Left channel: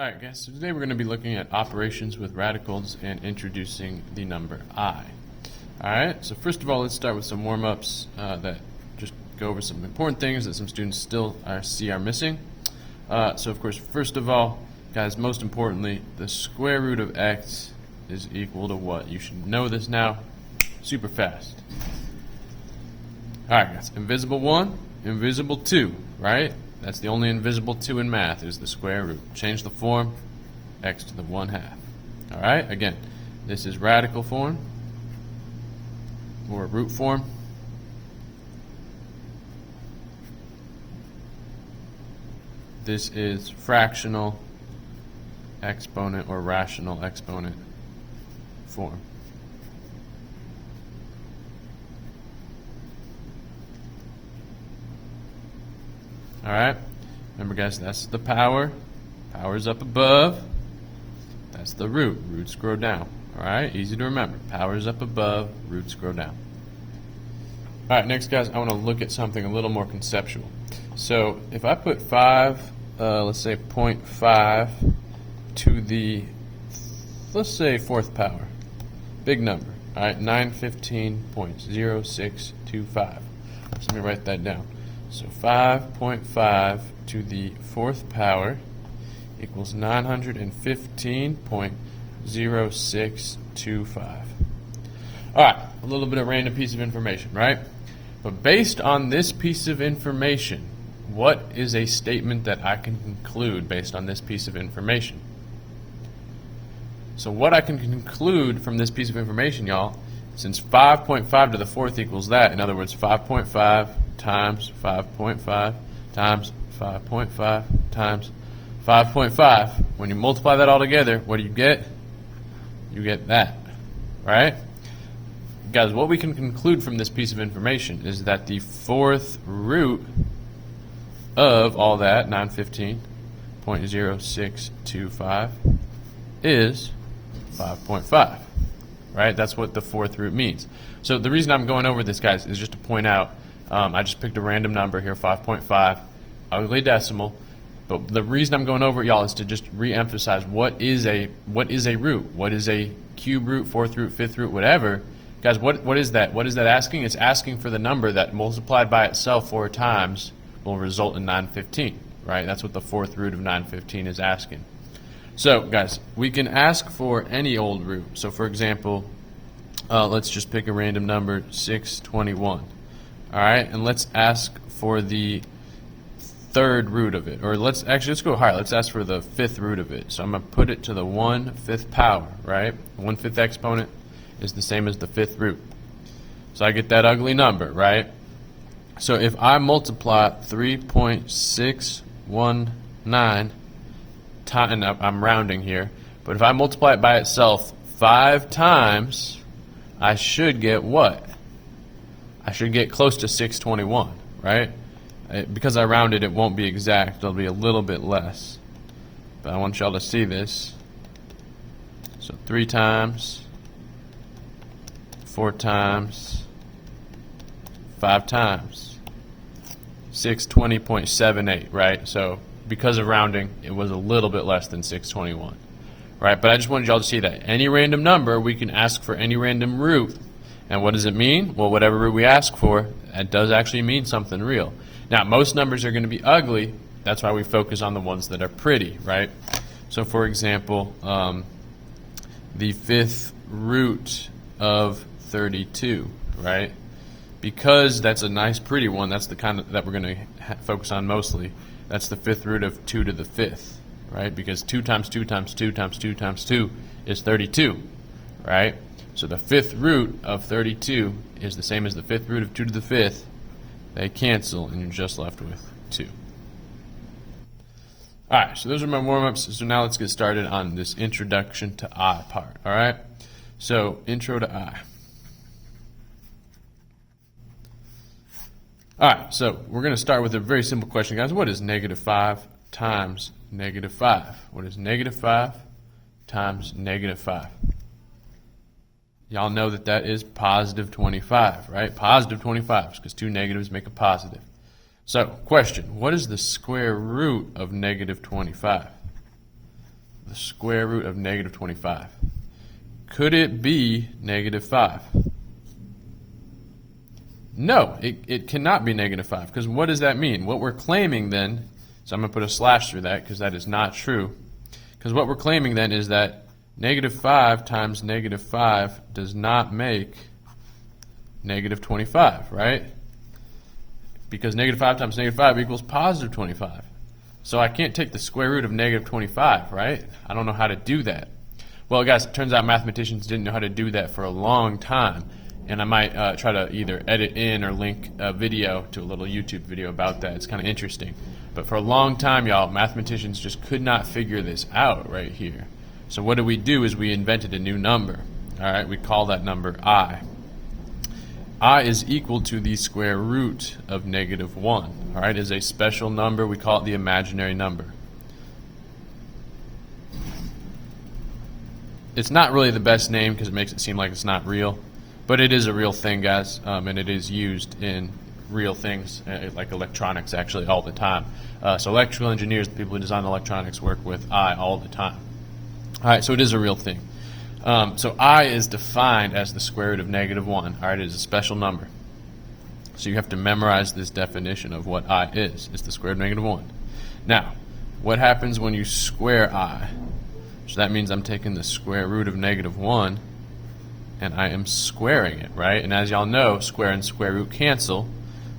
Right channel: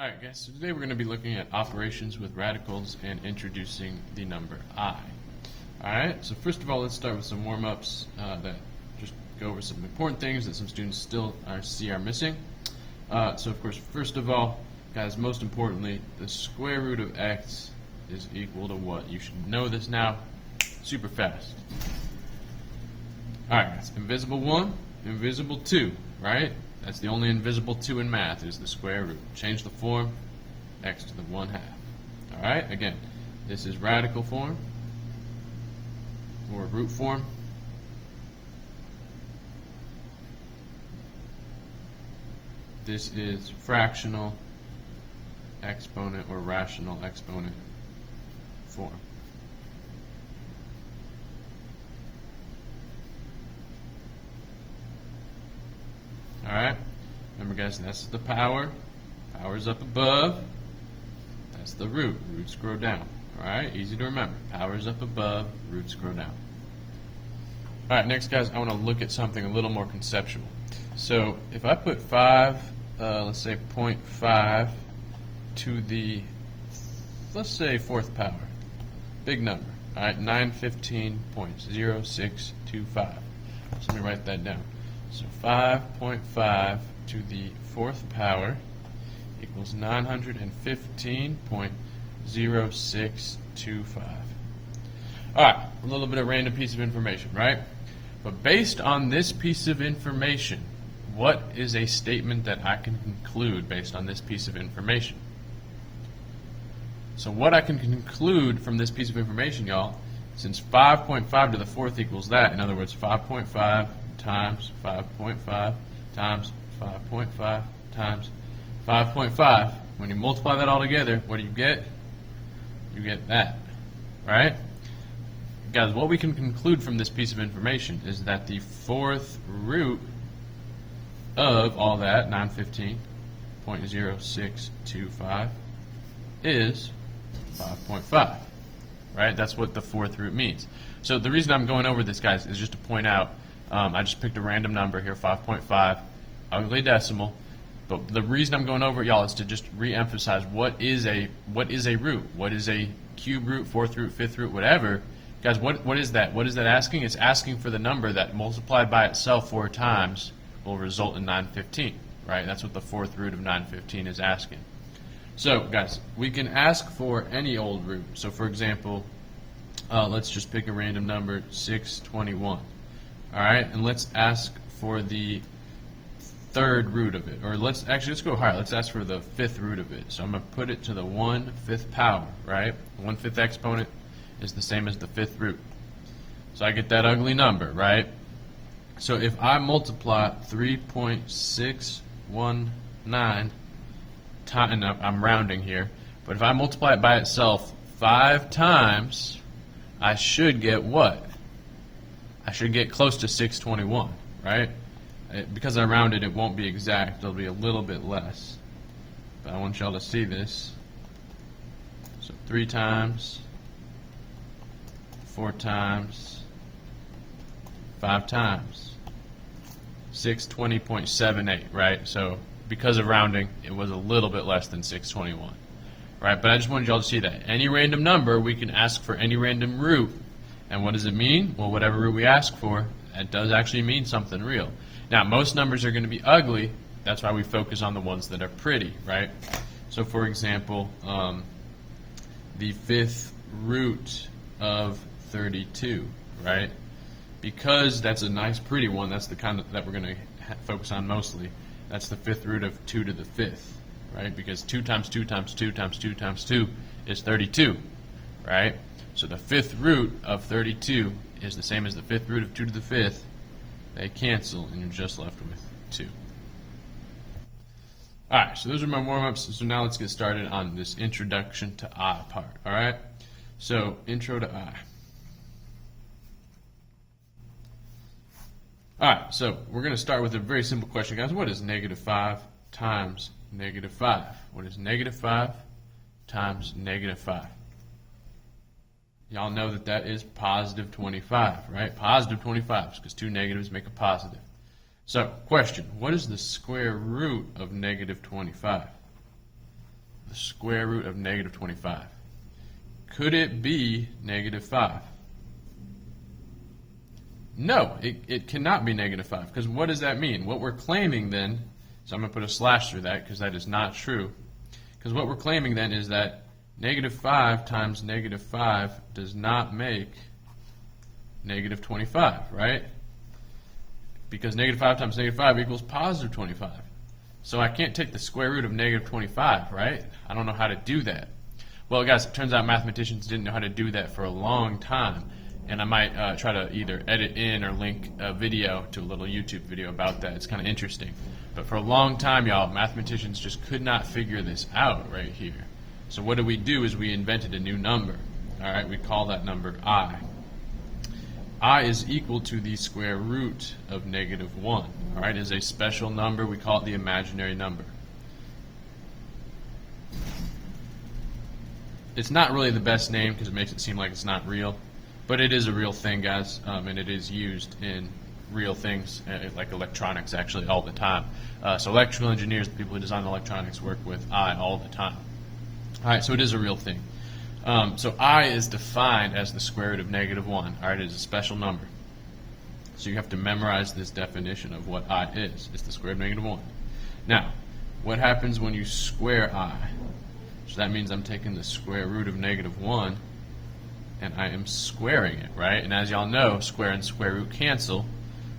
Alright guys, so today we're going to be looking at operations with radicals and introducing the number I. Alright, so first of all, let's start with some warm-ups that just go over some important things that some students still are missing. So of course, first of all, guys, most importantly, the square root of x is equal to what? You should know this now super fast. Alright guys, invisible 1, invisible 2, right? That's the only invisible 2 in math is the square root. Change the form, x to the 1/2. Alright, again, this is radical form, or root form. This is fractional exponent or rational exponent form. Alright, remember guys, that's the power. Power's up above. That's the root. Roots grow down. Alright, easy to remember. Power's up above, roots grow down. Alright, next guys, I want to look at something a little more conceptual. So if I put 5, let's say 0.5 to the, let's say 4th power, big number. Alright, 915.0625. So let me write that down. So 5.5 to the 4th power equals 915.0625. Alright, a little bit of random piece of information, right? But based on this piece of information, what is a statement that I can conclude based on this piece of information? So what I can conclude from this piece of information, y'all, since 5.5 to the 4th equals that, in other words, 5.5 times 5.5 times 5.5 times 5.5. When you multiply that all together, what do you get? You get that, right? Guys, what we can conclude from this piece of information is that the 4th root of all that, 915.0625, is 5.5, right? That's what the 4th root means. So the reason I'm going over this, guys, is just to point out I just picked a random number here, 5.5, ugly decimal. But the reason I'm going over it, y'all, is to just re-emphasize what is a root? What is a cube root, 4th root, 5th root, whatever? Guys, what is that? What is that asking? It's asking for the number that multiplied by itself 4 times will result in 915, right? That's what the 4th root of 915 is asking. So, guys, we can ask for any old root. So, for example, let's just pick a random number, 621. All right, and let's ask for the 3rd root of it, or let's go higher. Let's ask for the 5th root of it. So I'm going to put it to the 1/5 power, right? The 1/5 exponent is the same as the 5th root. So I get that ugly number, right? So if I multiply 3.619 times, and I'm rounding here, but if I multiply it by itself 5 times, I should get what? I should get close to 621, right? Because I rounded, it won't be exact. It'll be a little bit less. But I want y'all to see this. So 3 times, 4 times, 5 times. 620.78, right? So because of rounding, it was a little bit less than 621, right? But I just wanted y'all to see that. Any random number, we can ask for any random root. And what does it mean? Well, whatever root we ask for, it does actually mean something real. Now, most numbers are going to be ugly. That's why we focus on the ones that are pretty, right? So, for example, the 5th root of 32, right? Because that's a nice, pretty one, that's the kind that we're going to focus on mostly. That's the 5th root of 2 to the 5th, right? Because 2 times 2 times 2 times 2 times 2 is 32, right? So the 5th root of 32 is the same as the 5th root of 2 to the 5th. They cancel, and you're just left with 2. Alright, so those are my warm-ups. So now let's get started on this introduction to I part. Alright, so intro to I. Alright, so we're going to start with a very simple question, guys. What is negative 5 times negative 5? What is negative 5 times negative 5? Y'all know that that is positive 25, right? Positive 25, because 2 negatives make a positive. So, question, what is the square root of negative 25? the square root of negative 25. Could it be negative 5? No, it cannot be negative 5, because what does that mean? What we're claiming then, so I'm going to put a slash through that because that is not true, because what we're claiming then is that negative 5 times negative 5 does not make negative 25, right? Because negative 5 times negative 5 equals positive 25. So I can't take the square root of negative 25, right? I don't know how to do that. Well, guys, it turns out mathematicians didn't know how to do that for a long time. And I might try to either edit in or link a video to a little YouTube video about that. It's kind of interesting. But for a long time, y'all, mathematicians just could not figure this out right here. So what we do is we invented a new number. All right, we call that number I. I is equal to the square root of negative 1. All right, is a special number. We call it the imaginary number. It's not really the best name because it makes it seem like it's not real. But it is a real thing, guys, and it is used in real things, like electronics, actually, all the time. So electrical engineers, the people who design electronics, work with I all the time. All right, so it is a real thing. So I is defined as the square root of negative 1. All right, it is a special number. So you have to memorize this definition of what I is. It's the square root of negative 1. Now, what happens when you square I? So that means I'm taking the square root of negative 1, and I am squaring it, right? And as y'all know, square and square root cancel,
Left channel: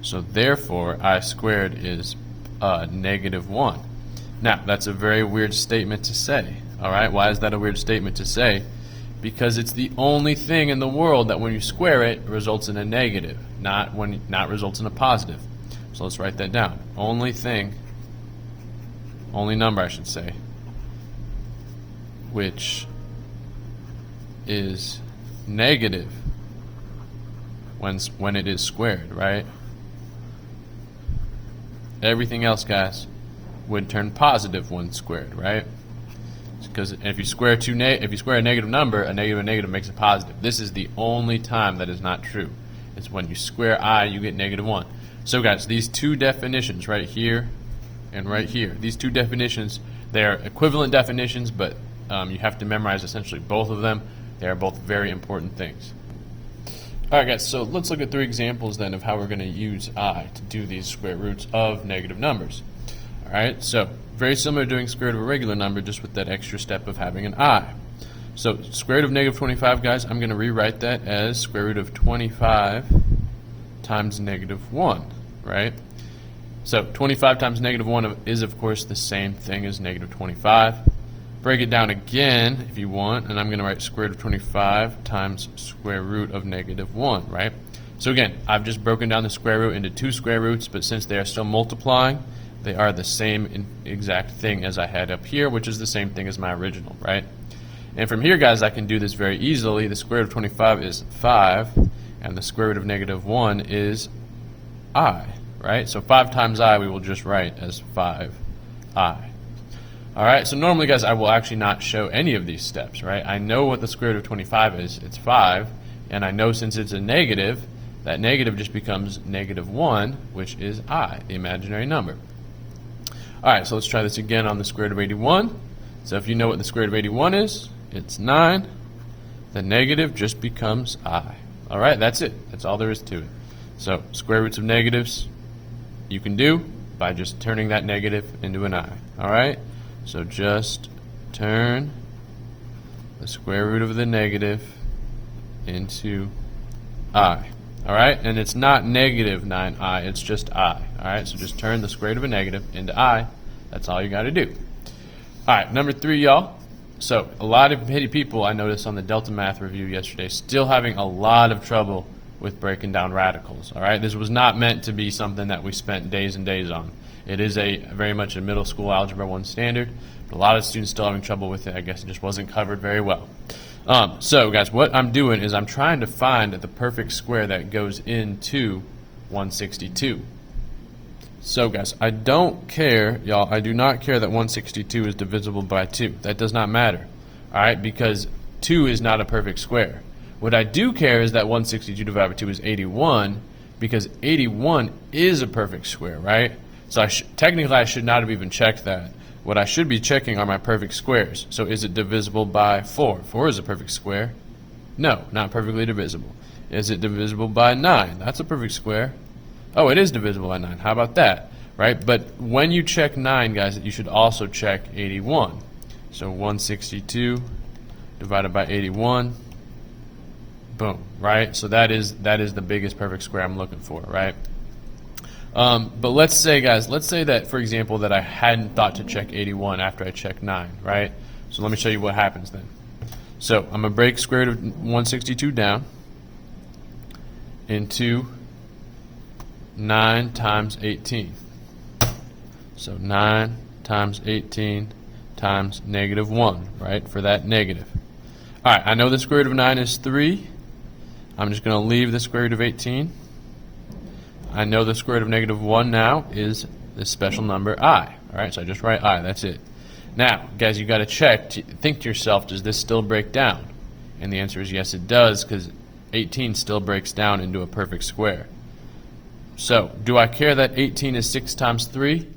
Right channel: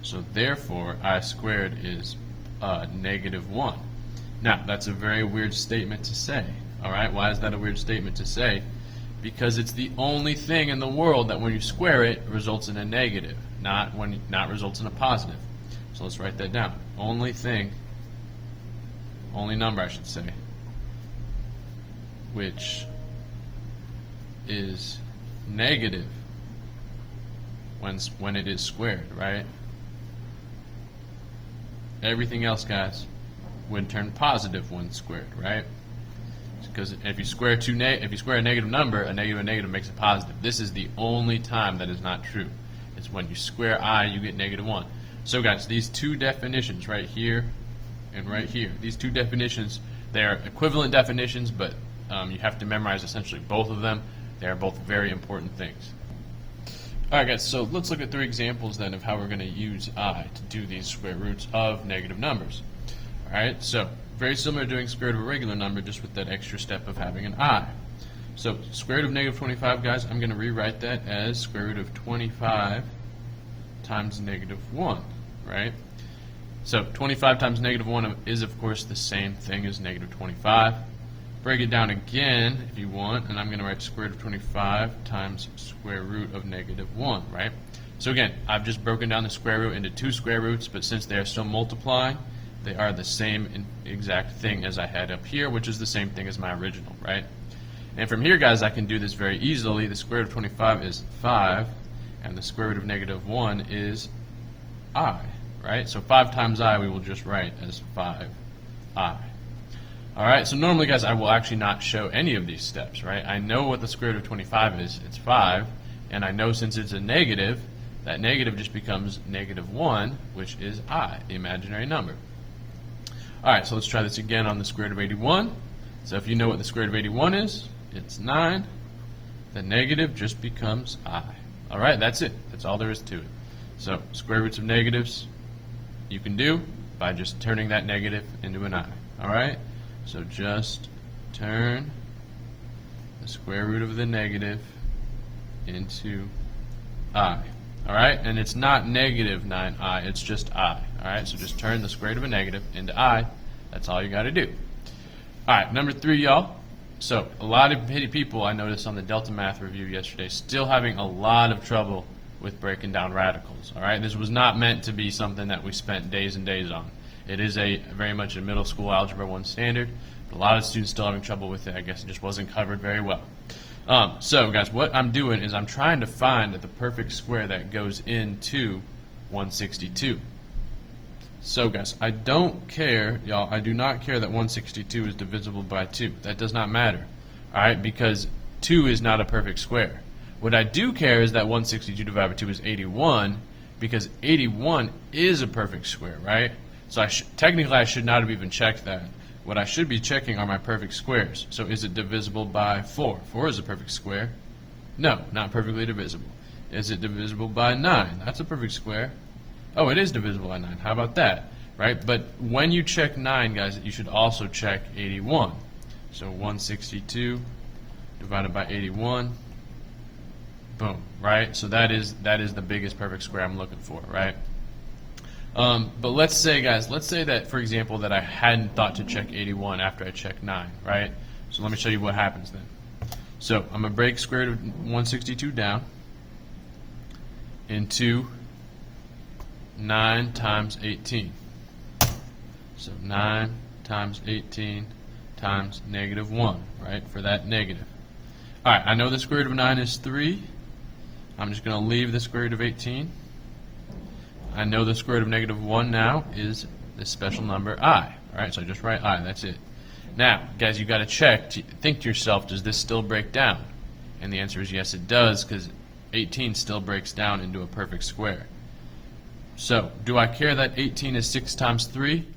so therefore I squared is negative 1. Now, that's a very weird statement to say, all right? Why is that a weird statement to say? Because it's the only thing in the world that when you square it results in a negative, not results in a positive. So let's write that down. Only number I should say, which is negative when it is squared, right? Everything else, guys, would turn positive when squared, right? Because if you square a negative number, a negative makes a positive. This is the only time that is not true. It's when you square I, you get negative 1. So, guys, these two definitions right here and right here, these two definitions, they are equivalent definitions, but you have to memorize essentially both of them. They are both very important things. All right, guys, so let's look at 3 examples then of how we're going to use I to do these square roots of negative numbers. All right, so very similar to doing square root of a regular number, just with that extra step of having an I. So square root of negative 25, guys, I'm going to rewrite that as square root of 25 times negative 1, right? So 25 times negative 1 is, of course, the same thing as negative 25. Break it down again if you want, and I'm going to write square root of 25 times square root of negative 1, right? So again, I've just broken down the square root into 2 square roots, but since they are still multiplying, they are the same exact thing as I had up here, which is the same thing as my original, right? And from here, guys, I can do this very easily. The square root of 25 is 5, and the square root of negative 1 is I, right? So 5 times I we will just write as 5I. All right, so normally, guys, I will actually not show any of these steps, right? I know what the square root of 25 is. It's 5, and I know since it's a negative, that negative just becomes negative 1, which is I, the imaginary number. All right, so let's try this again on the square root of 81. So if you know what the square root of 81 is, it's 9. The negative just becomes I. All right, that's it. That's all there is to it. So square roots of negatives you can do by just turning that negative into an I. All right? So just turn the square root of the negative into I. All right? And it's not negative 9I, it's just I. All right? So just turn the square root of a negative into I. That's all you got to do. All right, number 3, y'all. So a lot of people I noticed on the Delta Math review yesterday still having a lot of trouble with breaking down radicals. All right? This was not meant to be something that we spent days and days on. It is very much a middle school Algebra 1 standard. But a lot of students still having trouble with it. I guess it just wasn't covered very well. So, guys, what I'm doing is I'm trying to find the perfect square that goes into 162. So, guys, I don't care, y'all, I do not care that 162 is divisible by 2. That does not matter, all right, because 2 is not a perfect square. What I do care is that 162 divided by 2 is 81, because 81 is a perfect square, right? So technically I should not have even checked that. what I should be checking are my perfect squares. So is it divisible by 4? 4 is a perfect square. No, not perfectly divisible. Is it divisible by 9? That's a perfect square. Oh, it is divisible by 9. How about that? Right? But when you check 9, guys, you should also check 81. So 162 divided by 81. Boom, right? So that is the biggest perfect square I'm looking for, right? But let's say, guys, that, for example, that I hadn't thought to check 81 after I checked 9, right? So let me show you what happens then. So I'm going to break square root of 162 down into 9 times 18. So 9 times 18 times negative 1, right, for that negative. All right, I know the square root of 9 is 3. I'm just going to leave the square root of 18. I know the square root of negative 1 now is the special number I. All right, so I just write I. That's it. Now, guys, you got to check. Think to yourself, does this still break down? And the answer is yes, it does, because 18 still breaks down into a perfect square. So, do I care that 18 is 6 times 3?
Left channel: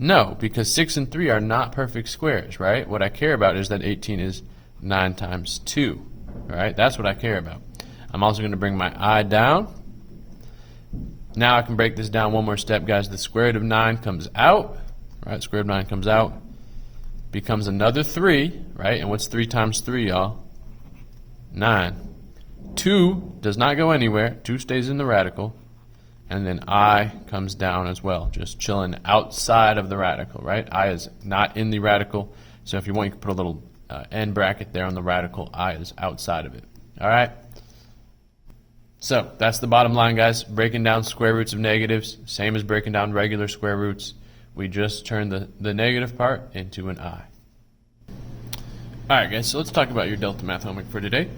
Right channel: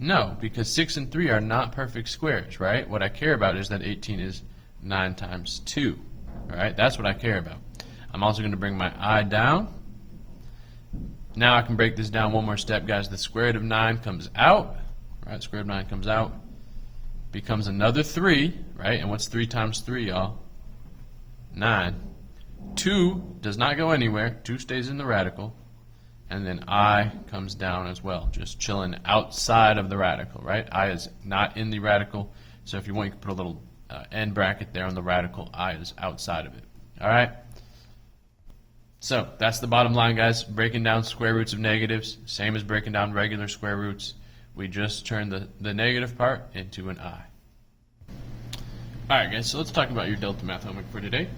No, because 6 and 3 are not perfect squares, right? What I care about is that 18 is 9 times 2. All right, that's what I care about. I'm also going to bring my I down. Now I can break this down one more step, guys. The square root of 9 comes out, right? Square root of 9 comes out, becomes another 3, right? And what's 3 times 3, y'all? 9. 2 does not go anywhere. 2 stays in the radical. And then I comes down as well, just chilling outside of the radical, right? I is not in the radical. So if you want, you can put a little end bracket there on the radical. I is outside of it. All right? So that's the bottom line, guys. Breaking down square roots of negatives, same as breaking down regular square roots. We just turn the negative part into an I. All right, guys, so let's talk about your Delta Math homework for today.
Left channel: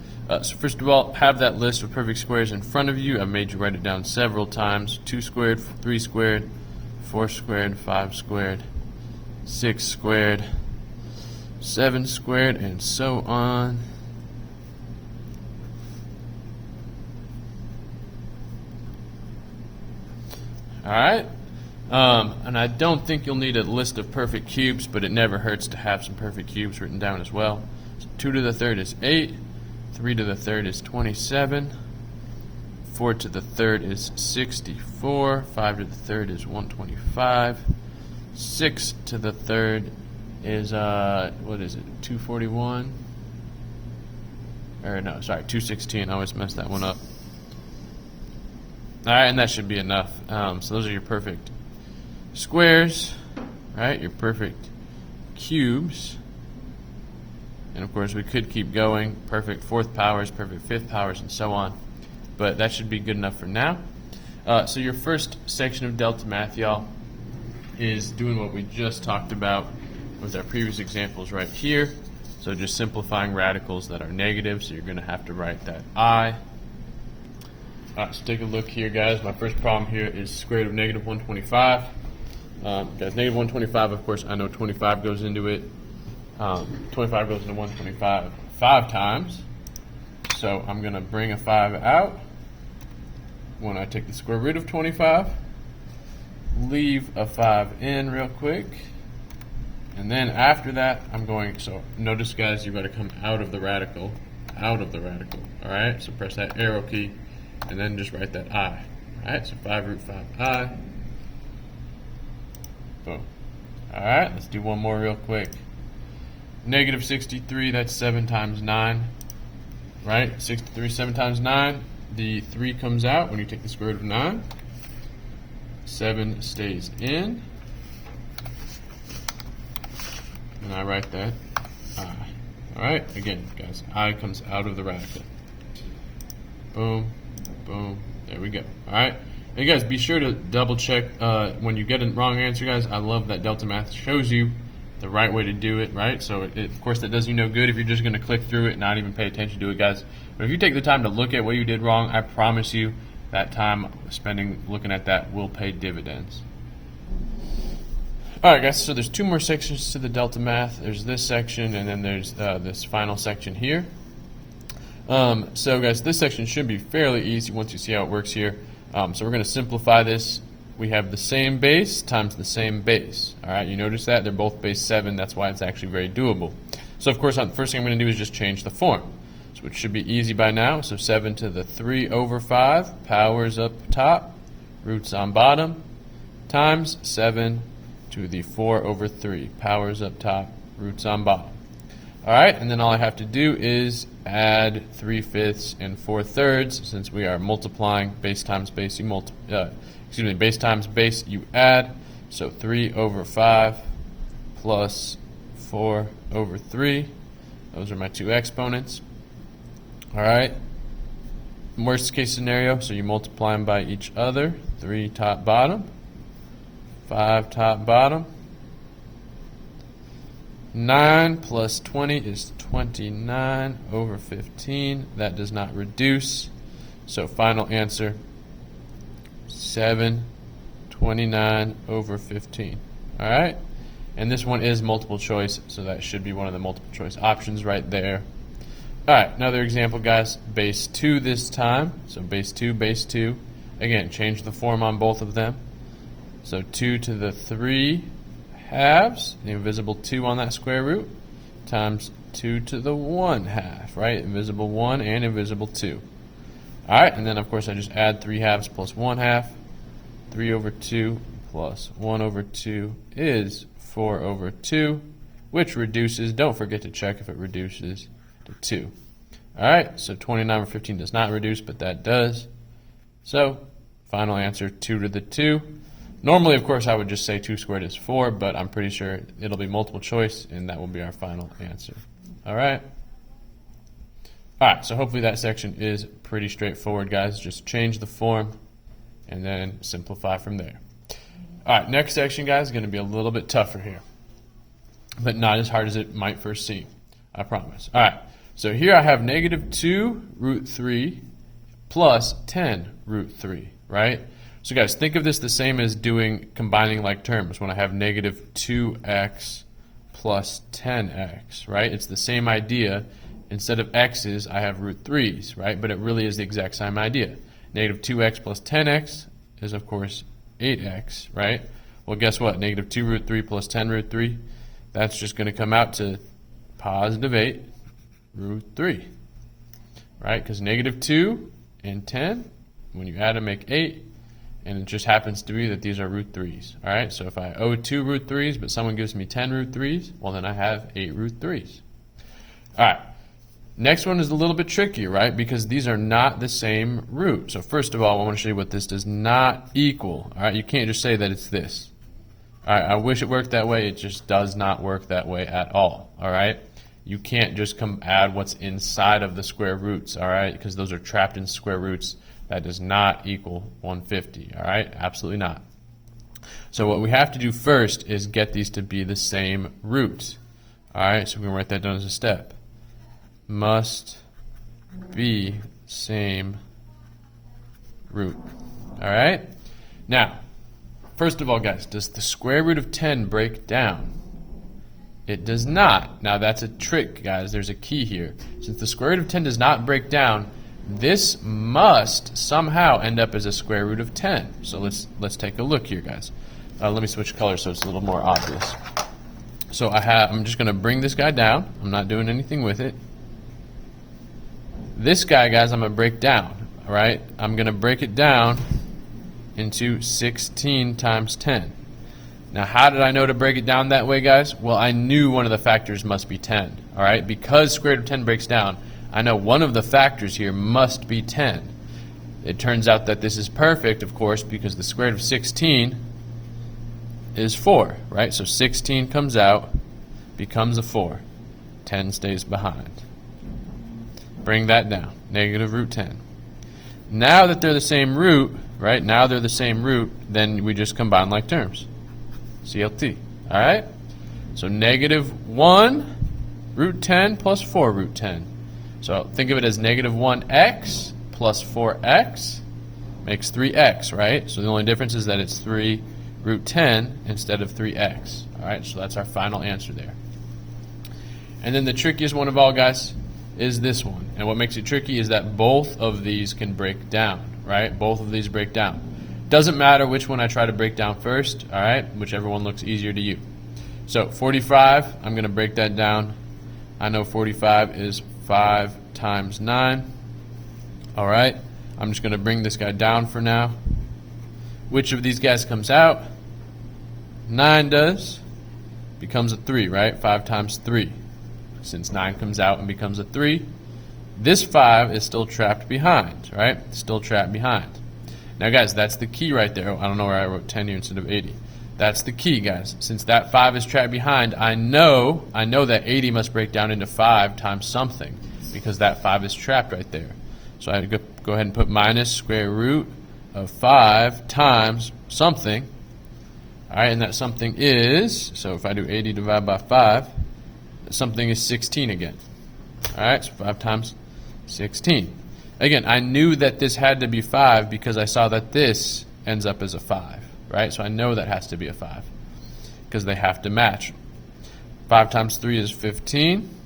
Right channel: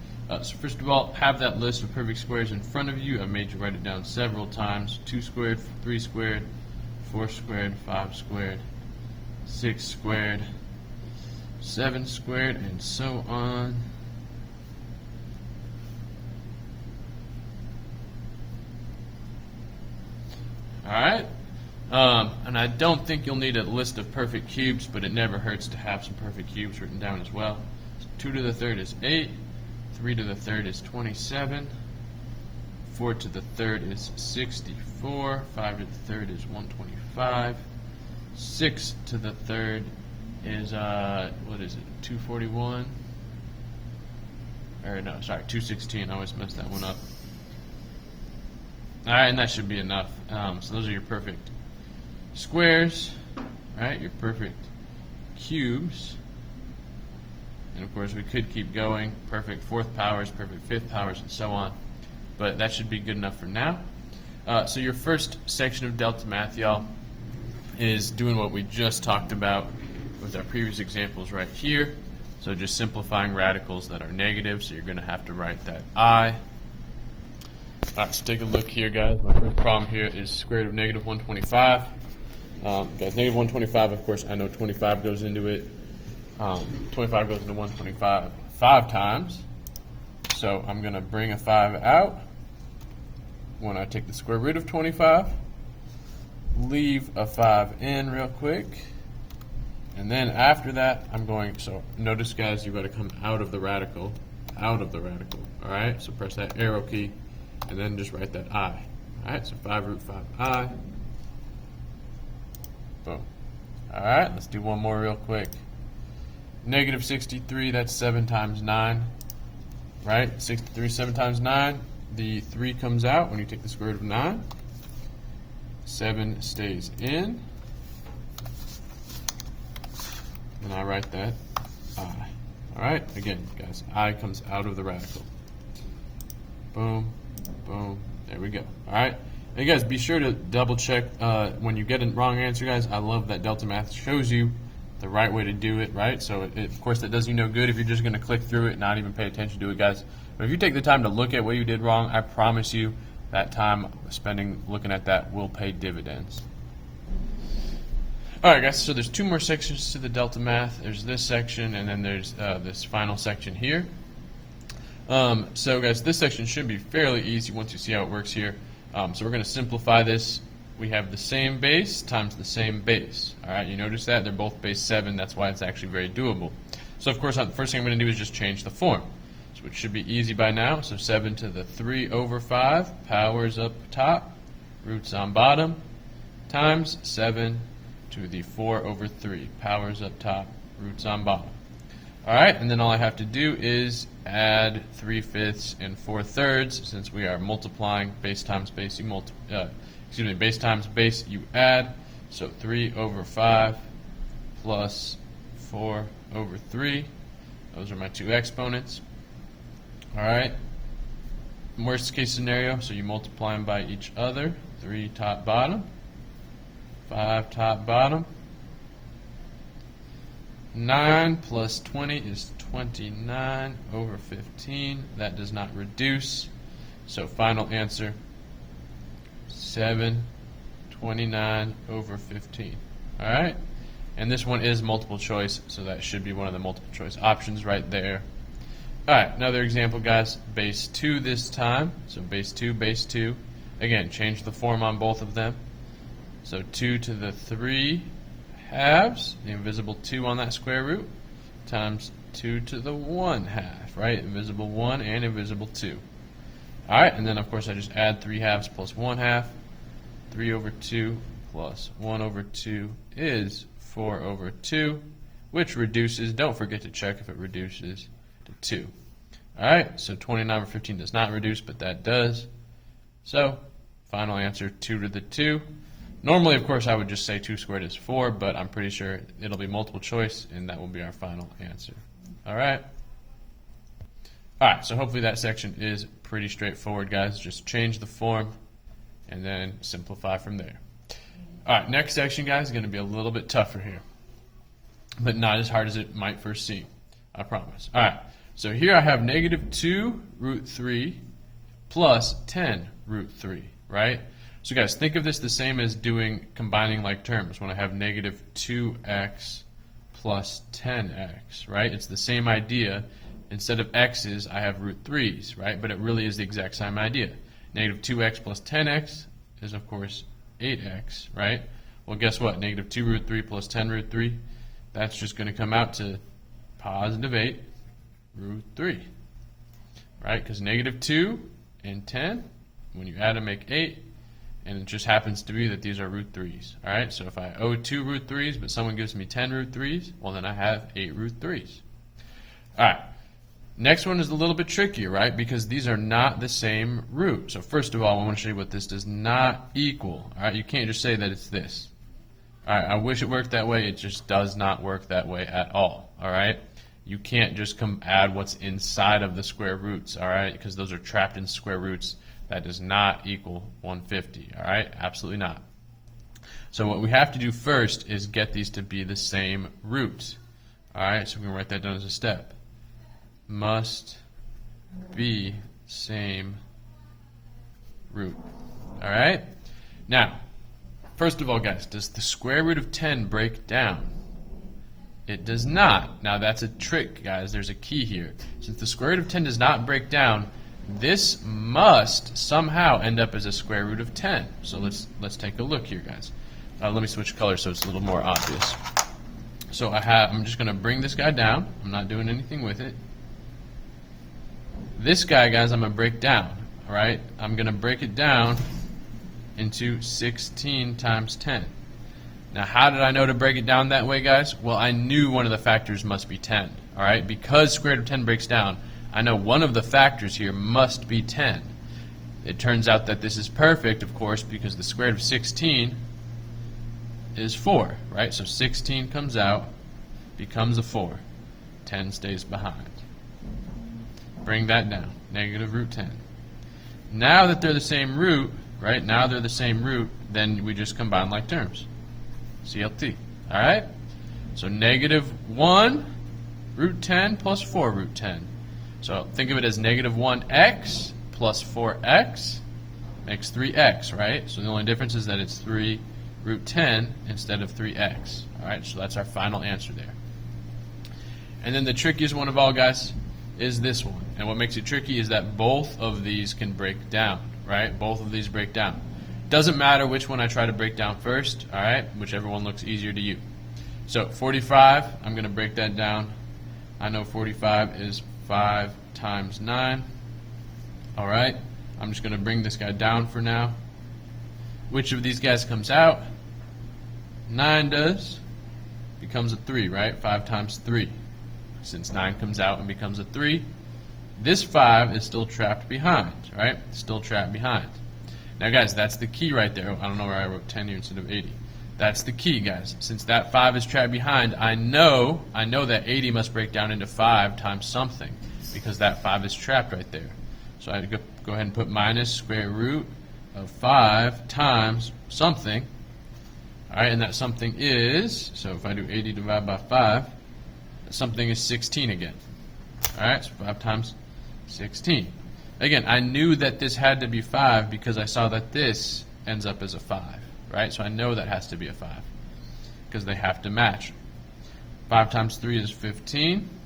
So first of all, have that list of perfect squares in front of you. I've made you write it down several times. 2 squared, 3 squared, 4 squared, 5 squared, 6 squared, 7 squared, and so on. Alright, and I don't think you'll need a list of perfect cubes, but it never hurts to have some perfect cubes written down as well. 2 to the third is 8, 3 to the third is 27, 4 to the third is 64, 5 to the third is 125, 6 to the third is, 241? Or no, sorry, 216, I always mess that one up. All right, and that should be enough. So those are your perfect squares, right? Your perfect cubes. And of course, we could keep going. Perfect fourth powers, perfect fifth powers, and so on. But that should be good enough for now. So your first section of Delta Math, y'all, is doing what we just talked about with our previous examples right here. So just simplifying radicals that are negative. So you're going to have to write that I. So take a look here, guys. My first problem here is square root of negative 125. Guys, negative 125, of course, I know 25 goes into it. 25 goes into 125 5 times. So I'm going to bring a 5 out when I take the square root of 25. Leave a 5 in real quick. And then after that, I'm going, so notice, guys, you've got to come out of the radical. All right? So press that arrow key. And then just write that I. Alright, so 5 root 5I. Boom. Alright, let's do one more real quick. Negative 63, that's 7 times 9. Right? 63, 7 times 9. The 3 comes out when you take the square root of 9. 7 stays in. And I write that I. Alright, again, guys, I comes out of the radical. Boom. Boom. There we go. All right. And guys, be sure to double check when you get a wrong answer, guys. I love that Delta Math shows you the right way to do it, right? So, of course, that does you no good if you're just going to click through it and not even pay attention to it, guys. But if you take the time to look at what you did wrong, I promise you that time spending looking at that will pay dividends. All right, guys, so there's 2 more sections to the Delta Math. There's this section, and then there's this final section here. So guys, this section should be fairly easy once you see how it works here. So we're going to simplify this we have the same base times the same base. All right, you notice that? They're both base 7. That's why it's actually very doable. So, of course, the first thing I'm going to do is just change the form, which should be easy by now. So 7 to the 3 over 5, powers up top, roots on bottom, times 7 to the 4 over 3, powers up top, roots on bottom. All right, and then all I have to do is add 3/5 and 4/3, since we are multiplying base times base. Base times base, you add. So 3 over 5 plus 4 over 3. Those are my two exponents. All right. Worst case scenario, so you multiply them by each other. 3 top bottom, 5 top bottom. 9 plus 20 is 29 over 15. That does not reduce. So final answer, 729 over 15. All right? And this one is multiple choice, so that should be one of the multiple choice options right there. All right, another example, guys. Base 2 this time. So base 2, base 2. Again, change the form on both of them. So 2 to the 3 halves, the invisible 2 on that square root, times 2 to the 1 half, right? Invisible 1 and invisible 2. All right, and then, of course, I just add 3 halves plus 1 half. 3 over 2 plus 1 over 2 is 4 over 2, which reduces. Don't forget to check if it reduces to 2. All right, so 29 over 15 does not reduce, but that does. So final answer, 2 to the 2. Normally, of course, I would just say 2 squared is 4, but I'm pretty sure it'll be multiple choice, and that will be our final answer. All right? All right, so hopefully that section is pretty straightforward, guys. Just change the form and then simplify from there. All right, next section, guys, is going to be a little bit tougher here, but not as hard as it might first seem, I promise. All right, so here I have negative 2 root 3 plus 10 root 3, right? So guys, think of this the same as combining like terms when I have negative 2x plus 10x, right? It's the same idea. Instead of x's, I have root 3's, right? But it really is the exact same idea. Negative 2x plus 10x is, of course, 8x, right? Well, guess what? Negative 2 root 3 plus 10 root 3, that's just going to come out to positive 8 root 3, right? Because negative 2 and 10, when you add them, make 8. And it just happens to be that these are root 3's. All right, so if I owe 2 root 3's, but someone gives me 10 root 3's, well, then I have 8 root 3's. All right, next one is a little bit trickier, right? Because these are not the same root. So first of all, I want to show you what this does not equal. All right, you can't just say that it's this. All right, I wish it worked that way. It just does not work that way at all. All right, you can't just add what's inside of the square roots. All right, because those are trapped in square roots. That does not equal 150, all right? Absolutely not. So what we have to do first is get these to be the same roots. All right, so we're going to write that down as a step. Must be same root. All right? Now, first of all, guys, does the square root of 10 break down? It does not. Now, that's a trick, guys. There's a key here. Since the square root of 10 does not break down, this must somehow end up as a square root of 10. So let's take a look here, guys. Let me switch colors so it's a little more obvious. So I'm just going to bring this guy down. I'm not doing anything with it. This guy, guys, I'm going to break down. All right, I'm going to break it down into 16 times 10. Now, how did I know to break it down that way, guys? Well, I knew one of the factors must be 10. All right, because square root of 10 breaks down, I know one of the factors here must be 10. It turns out that this is perfect, of course, because the square root of 16 is 4, right? So 16 comes out, becomes a 4. 10 stays behind. Bring that down, negative root 10. Now that they're the same root, right? Now they're the same root, then we just combine like terms. CLT, all right? So negative 1 root 10 plus 4 root 10. So think of it as negative 1x plus 4x makes 3x, right? So the only difference is that it's 3 root 10 instead of 3x. All right, so that's our final answer there. And then the trickiest one of all, guys, is this one. And what makes it tricky is that both of these can break down, right? Both of these break down. Doesn't matter which one I try to break down first, all right? Whichever one looks easier to you. So 45, I'm going to break that down. I know 45 is 5 times 9. All right, I'm just going to bring this guy down for now. Which of these guys comes out? 9 does. Becomes a 3, right? 5 times 3. Since 9 comes out and becomes a 3, this 5 is still trapped behind, right? Still trapped behind. Now, guys, that's the key right there. I don't know where I wrote 10 here instead of 80. That's the key, guys. Since that 5 is trapped behind, I know that 80 must break down into 5 times something because that 5 is trapped right there. So I go ahead and put minus square root of 5 times something. All right, and that something is, so if I do 80 divided by 5, something is 16 again. All right, so 5 times 16. Again, I knew that this had to be 5 because I saw that this ends up as a 5, right? So I know that has to be a 5 because they have to match. 5 times 3 is 15.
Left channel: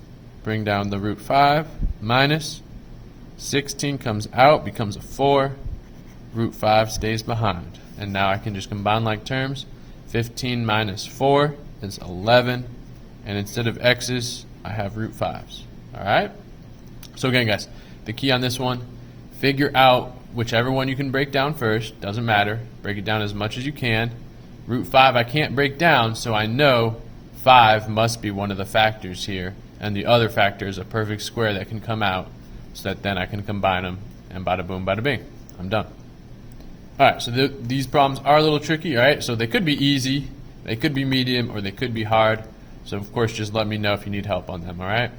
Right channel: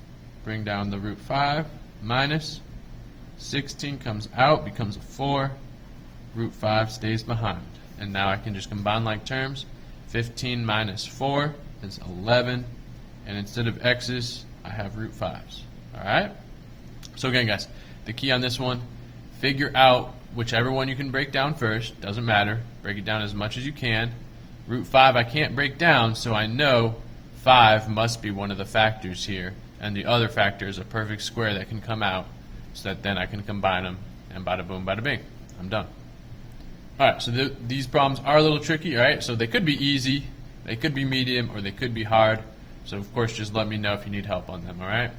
Bring down the root 5 minus 16 comes out, becomes a 4. Root 5 stays behind. And now I can just combine like terms. 15 minus 4 is 11. And instead of x's, I have root 5's. All right? So again, guys, the key on this one, figure out whichever one you can break down first. Doesn't matter. Break it down as much as you can. Root 5 I can't break down, so I know 5 must be one of the factors here. And the other factor is a perfect square that can come out so that then I can combine them and bada boom, bada bing. I'm done. All right, so these problems are a little tricky, all right? So they could be easy, they could be medium, or they could be hard. So, of course, just let me know if you need help on them, all right?